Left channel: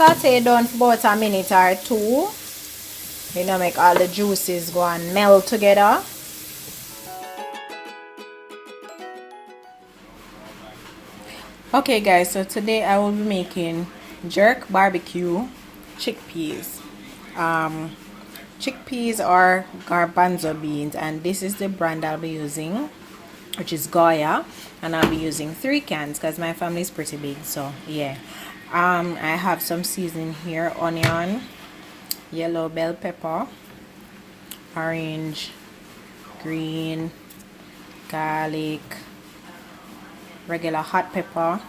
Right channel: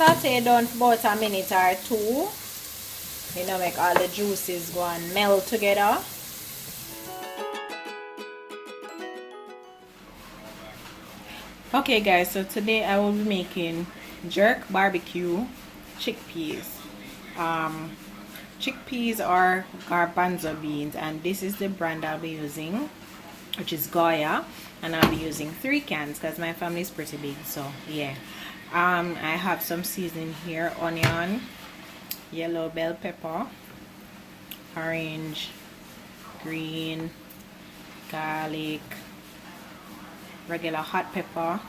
saute down for about a minute or two. You know, make all the juices go and melt together. Okay guys, so today I will be making jerk barbecue chickpeas. Chickpeas are garbanzo beans, and this is the brand I'll be using, which is Goya, and I'll be using 3 cans because my family is pretty big. So yeah, I have some seasoning here: onion, yellow bell pepper, orange, green, garlic, regular hot pepper.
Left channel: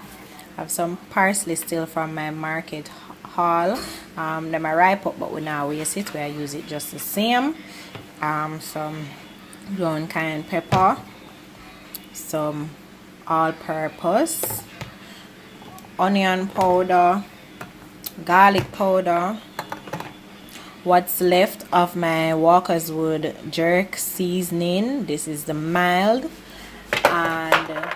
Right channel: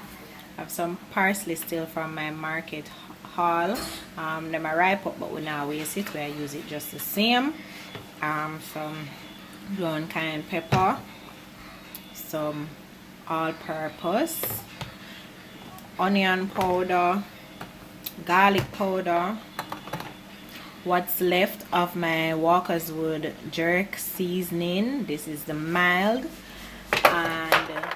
I have some parsley still from my market haul. Them are ripe up, but we now waste it. We use it just the same. Some brown cayenne pepper, some all-purpose, onion powder, garlic powder, what's left of my Walker's Wood jerk seasoning. This is the mild. And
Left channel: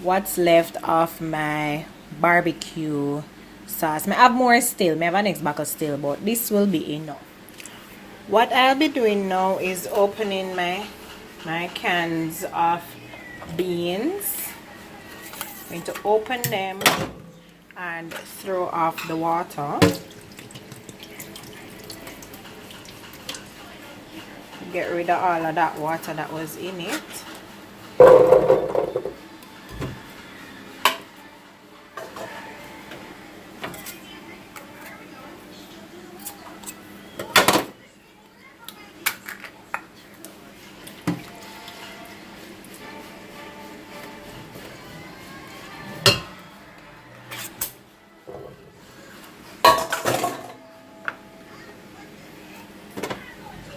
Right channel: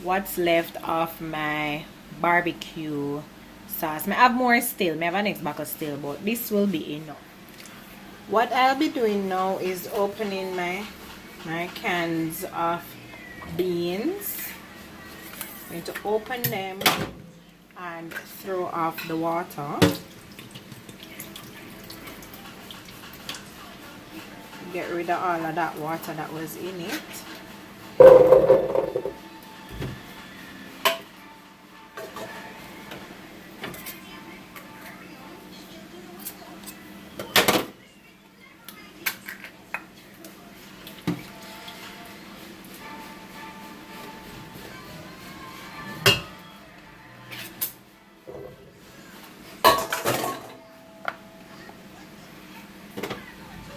what's left of my barbecue sauce. I have more still. I have an next bottle still, but this will be enough. What I'll be doing now is opening my cans of beans. I'm going to open them and throw off the water. Get rid of all of that water that was in it.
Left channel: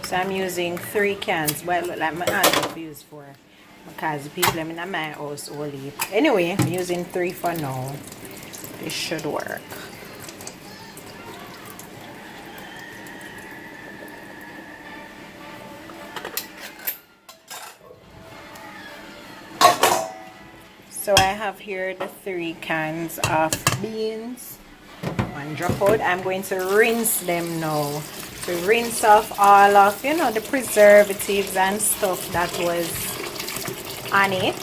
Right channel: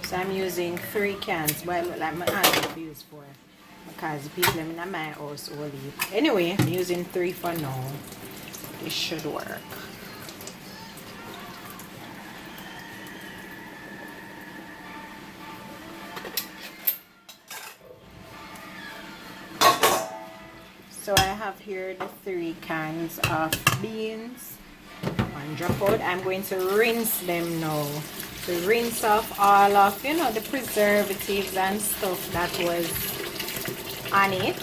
So I'm using 3 cans. Well, like my aunt used for, because people in my house only. Anyway, I'm using 3 for now. This should work. So I have here the 3 cans of beans. One drop out. I'm going to rinse them now. To rinse off all of, you know, the preservatives and stuff that was on it.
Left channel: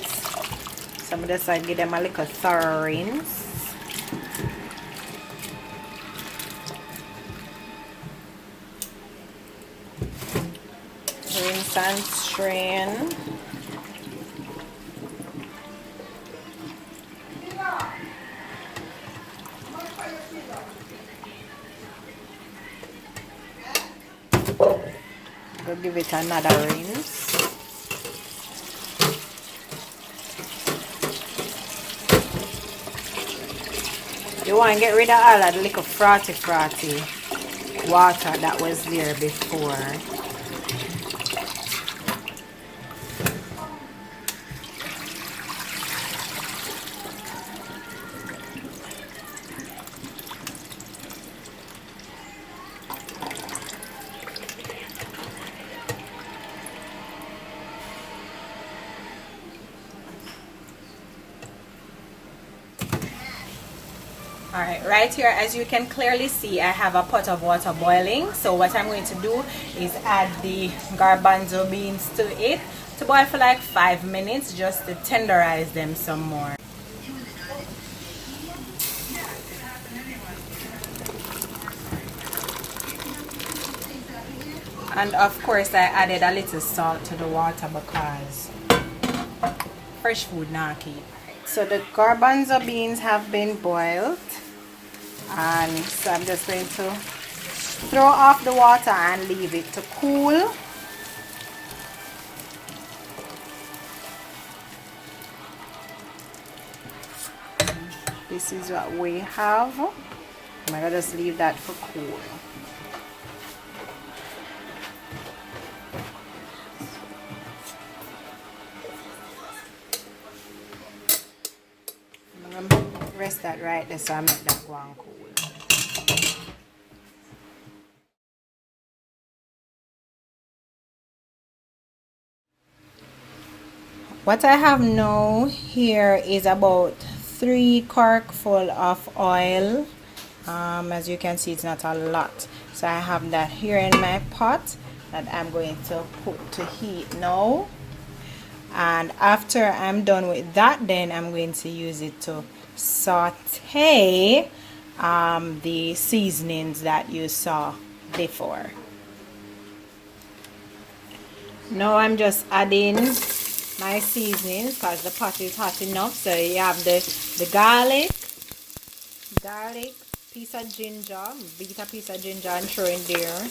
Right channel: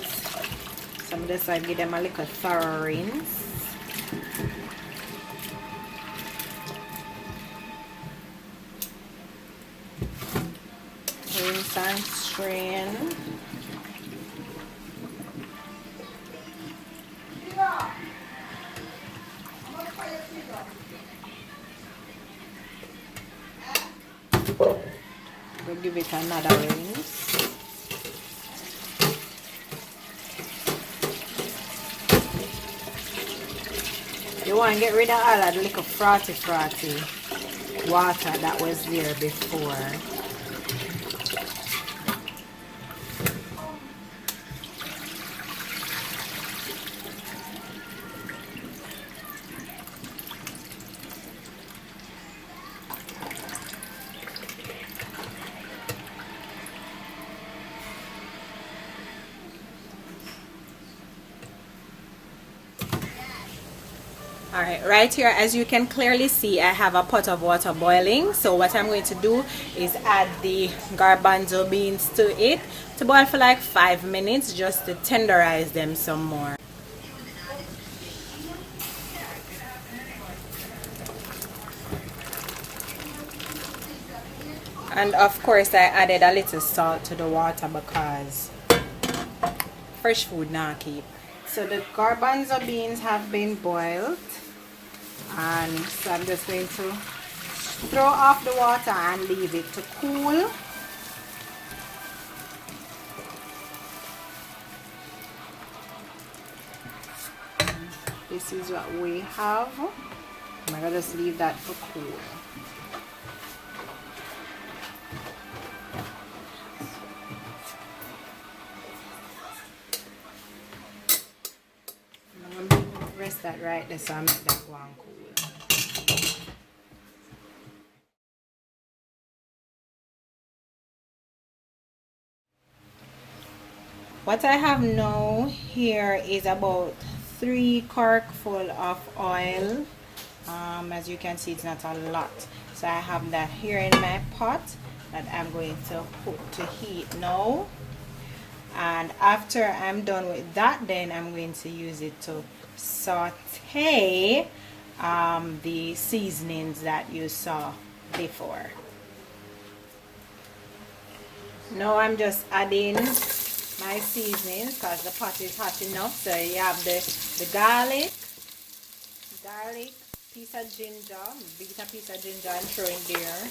So I'm just going to give them a little thorough rinse. Rinse and strain. We'll give it another rinse. You want to get rid of all that little frothy water that was there before. Alright, right here, as you can clearly see, I have a pot of water boiling. So what I'm going to do is add the garbanzo beans to it to boil for like 5 minutes, just to tenderize them some more. And of course I added a little salt to the water because fresh food now keep. So the garbanzo beans have been boiled, and so I'm just going to throw off the water and leave it to cool. This is what we have. I'm going to just leave that for cool. Rest that right there, so I make that go on cool. What I have now here is about 3 corkful of oil As you can see, it's not a lot. So I have that here in my pot that I'm going to put to heat now. And after I'm done with that, then I'm going to use it to saute the seasonings that you saw before. Now I'm just adding my seasonings because the pot is hot enough. So you have the garlic, piece of ginger, beat a piece of ginger and throw in there.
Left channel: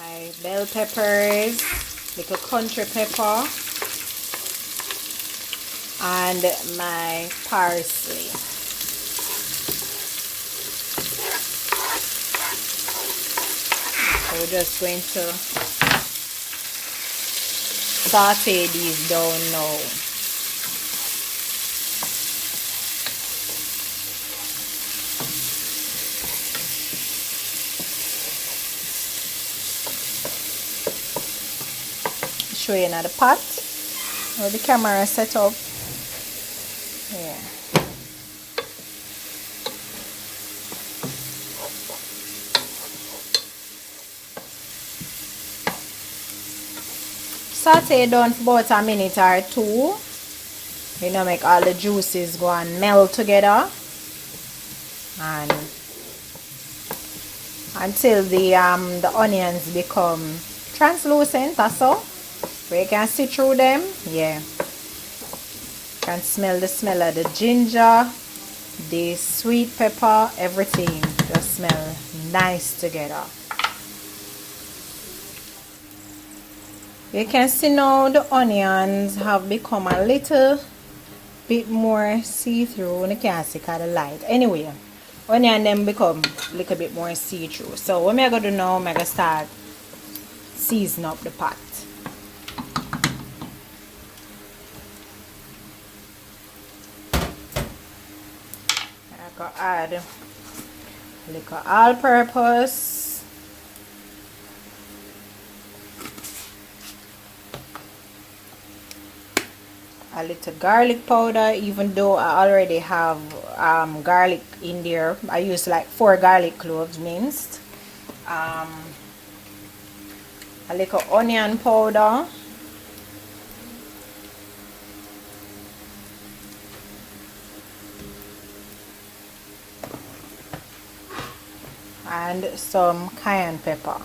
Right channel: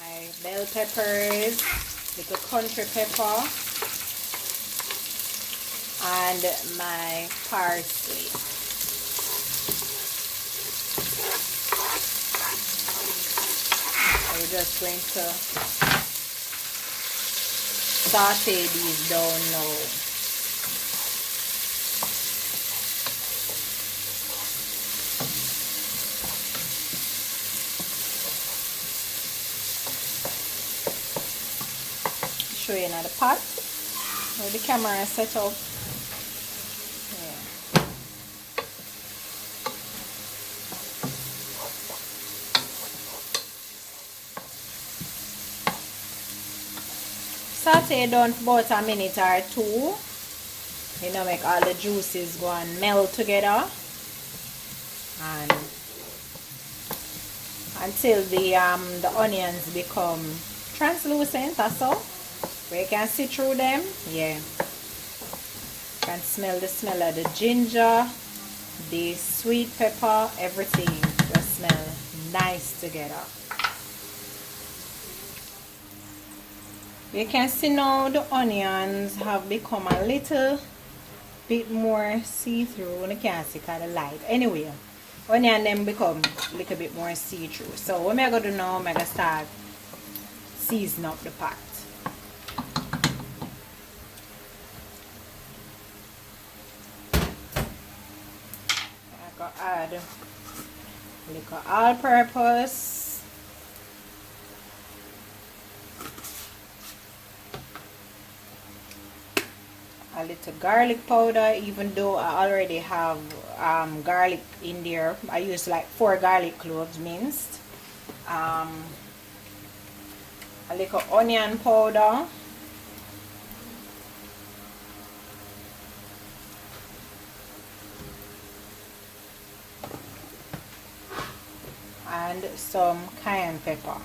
My bell peppers, little country pepper, and my parsley. So we're just going to saute these down now. Show you another pot where the camera is set up. Yeah. Saute down for about a minute or two. You know, make all the juices go and melt together, and until the onions become translucent or so. Where you can see through them. Yeah, you can smell the smell of the ginger, the sweet pepper, everything just smell nice together. You can see now the onions have become a little bit more see-through. You can't see because of the light. Anyway, onion them become a little bit more see-through. So what I'm going to do now, I'm going to start season up the pot. Add a little all-purpose, a little garlic powder, even though I already have garlic in there. I use like 4 garlic cloves minced, a little onion powder, and some cayenne pepper.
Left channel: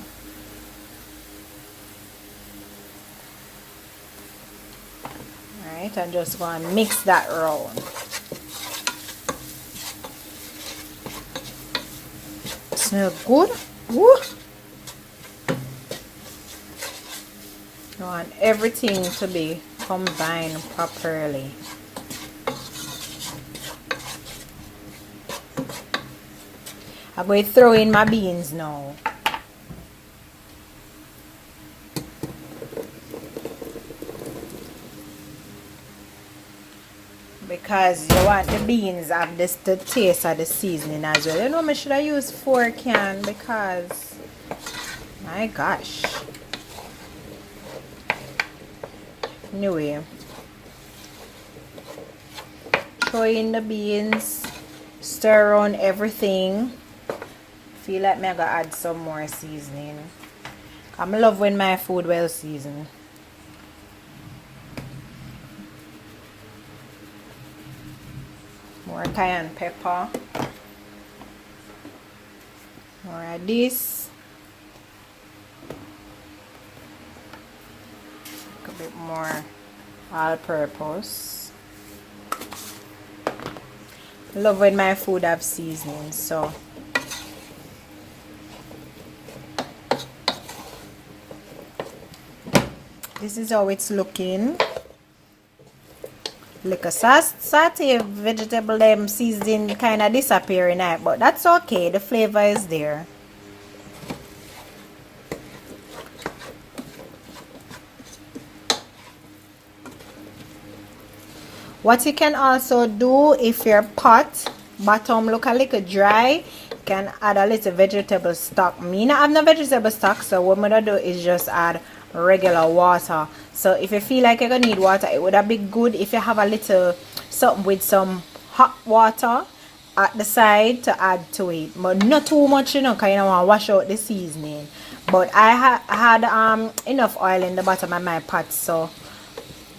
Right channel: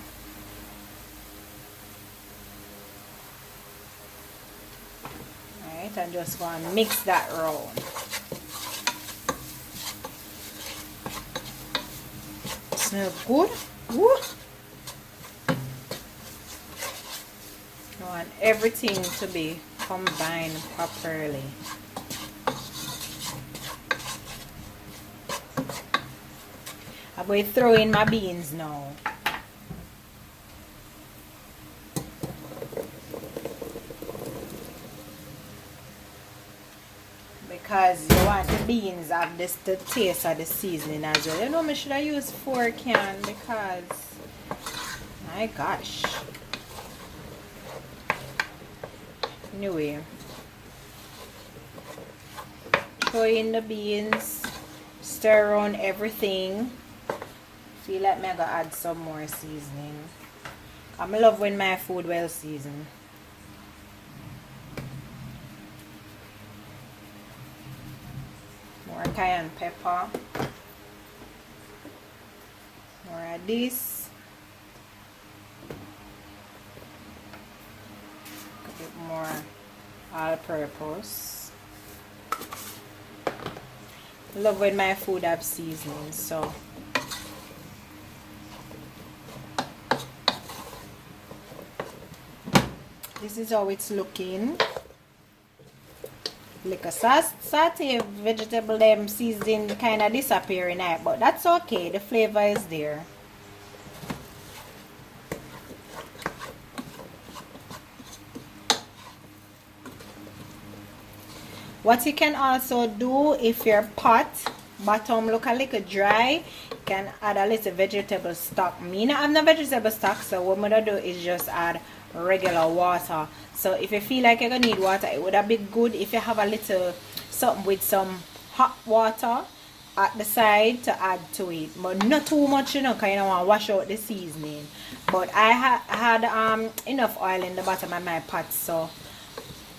Alright, I'm just going to mix that around. Smells good. Woo! I want everything to be combined properly. I'm going to throw in my beans now. Because you want the beans have this the taste of the seasoning as well. You know, I should have used 4 cans because my gosh. Anyway, throw in the beans, stir around everything. Feel like I'm gonna add some more seasoning. I love when my food well seasoned. More cayenne pepper. More of this. A bit more all-purpose. Love when my food have seasoning, so this is how it's looking. Look, a saute vegetable them seasoning kind of disappearing out, but that's okay. The flavor is there. What you can also do if your pot bottom look a little dry, you can add a little vegetable stock. Me not have no vegetable stock, so what I'm gonna do is just add regular water. So if you feel like you're gonna need water, it would have been good if you have a little something with some hot water at the side to add to it, but not too much, you know, because you don't want to wash out the seasoning. But I had enough oil in the bottom of my pot, so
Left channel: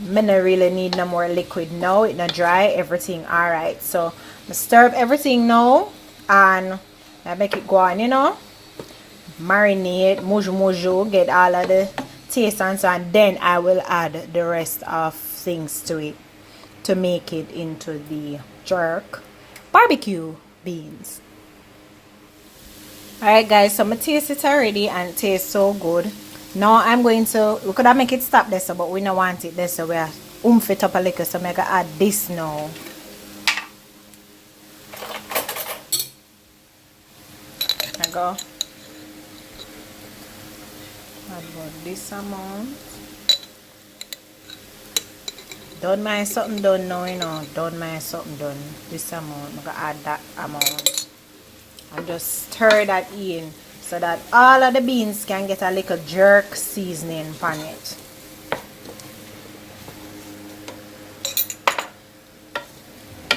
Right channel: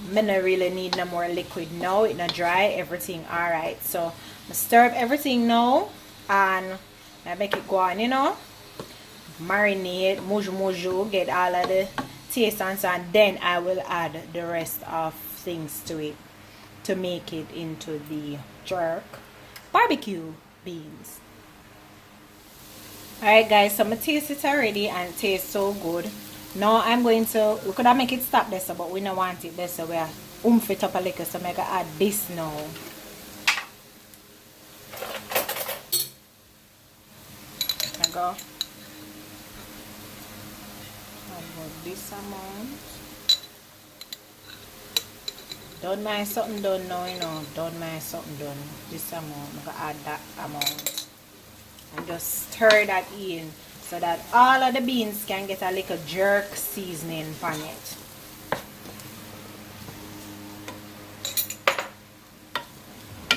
I don't really need no more liquid now. It's not dry, everything alright. So I stir up everything now and I make it go on, you know, marinate, muju, get all of the taste and so, and then I will add the rest of things to it to make it into the jerk barbecue beans. Alright guys, so I'm gonna taste it already and it tastes so good. Now I'm going to, we could have make it stop this, but we don't want it this, so we oomph it up a little, so I'm gonna add this now. I go about this amount. Done my something done now, you know. Done my something done. This amount. I'm gonna add that amount. And just stir that in so that all of the beans can get a little jerk seasoning on it.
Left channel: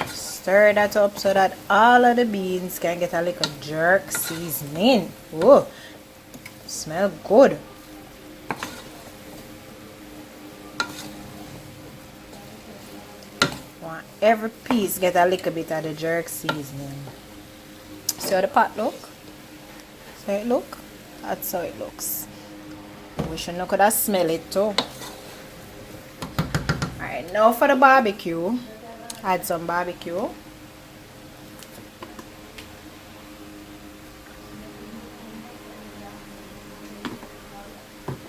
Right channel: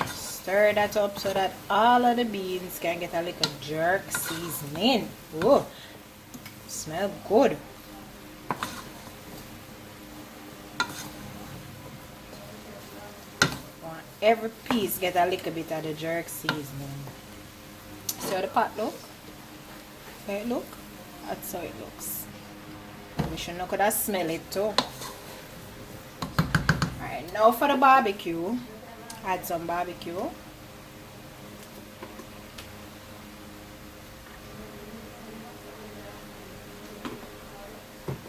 Stir that up so that all of the beans can get a little jerk seasoning. Whoa, smell good. Want every piece get a little bit of the jerk seasoning. See how the pot look? See how it look? That's how it looks. We should know could I smell it too. Alright, now for the barbecue. Add some barbecue.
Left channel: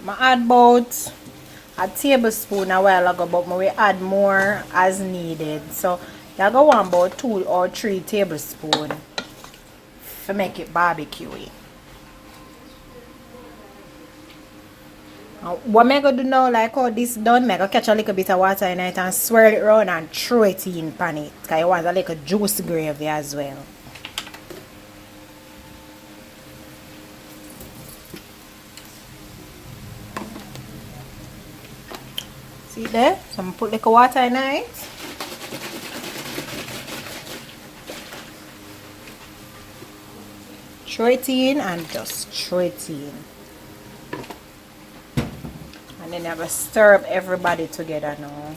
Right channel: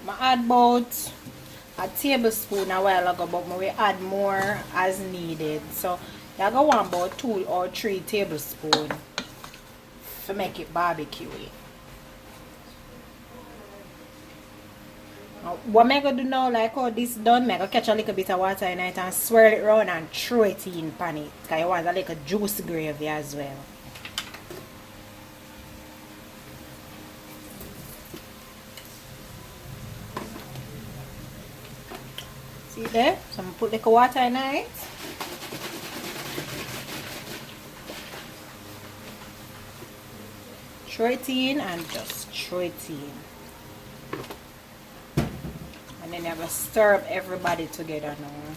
I add about a tablespoon a while ago, but we add more as needed. So I go on about 2 or 3 tablespoons to make it barbecue-y. What I'm going to do now, like how this done, I'm going to catch a little bit of water in it and swirl it around and throw it in pan it. Because you want a little juice gravy as well. See there? So I'm going to put little water in it. Throw it in and just throw it in. And then I have to stir up everybody together now.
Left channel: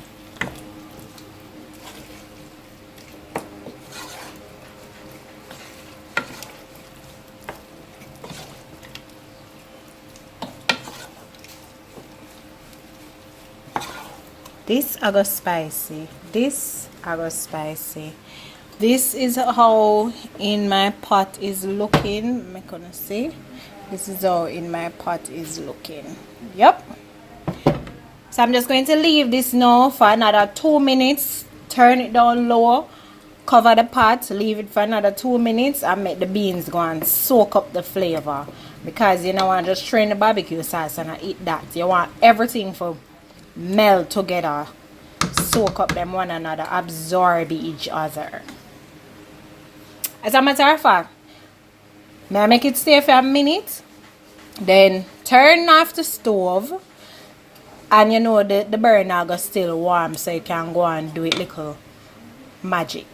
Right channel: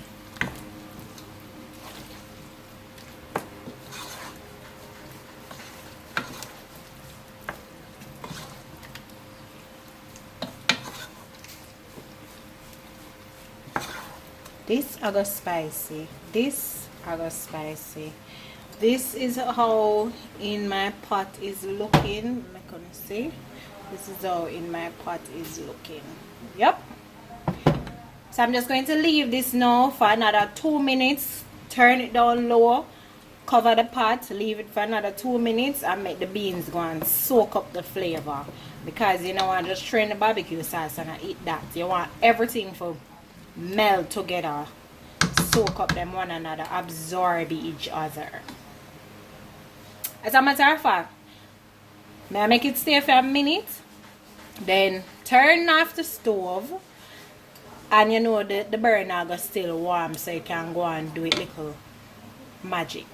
This I got spicy. This I got spicy. This is how in my pot is looking. I'm gonna see. This is how in my pot is looking. Yep. So I'm just going to leave this now for another 2 minutes. Turn it down low. Cover the pot. Leave it for another 2 minutes and make the beans go and soak up the flavor. Because you know I just strain the barbecue sauce and I eat that. You want everything to melt together. Soak up them one another. Absorb each other. As a matter of fact, may I make it stay for a minute? Then turn off the stove. And you know the burner is still warm, so you can go and do it little magic.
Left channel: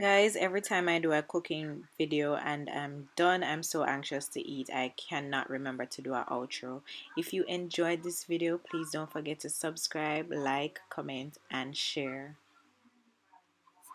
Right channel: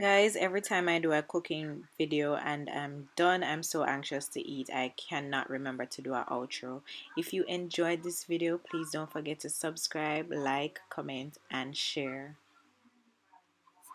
Guys, every time I do a cooking video and I'm done, I'm so anxious to eat, I cannot remember to do an outro. If you enjoyed this video, please don't forget to subscribe, like, comment, and share.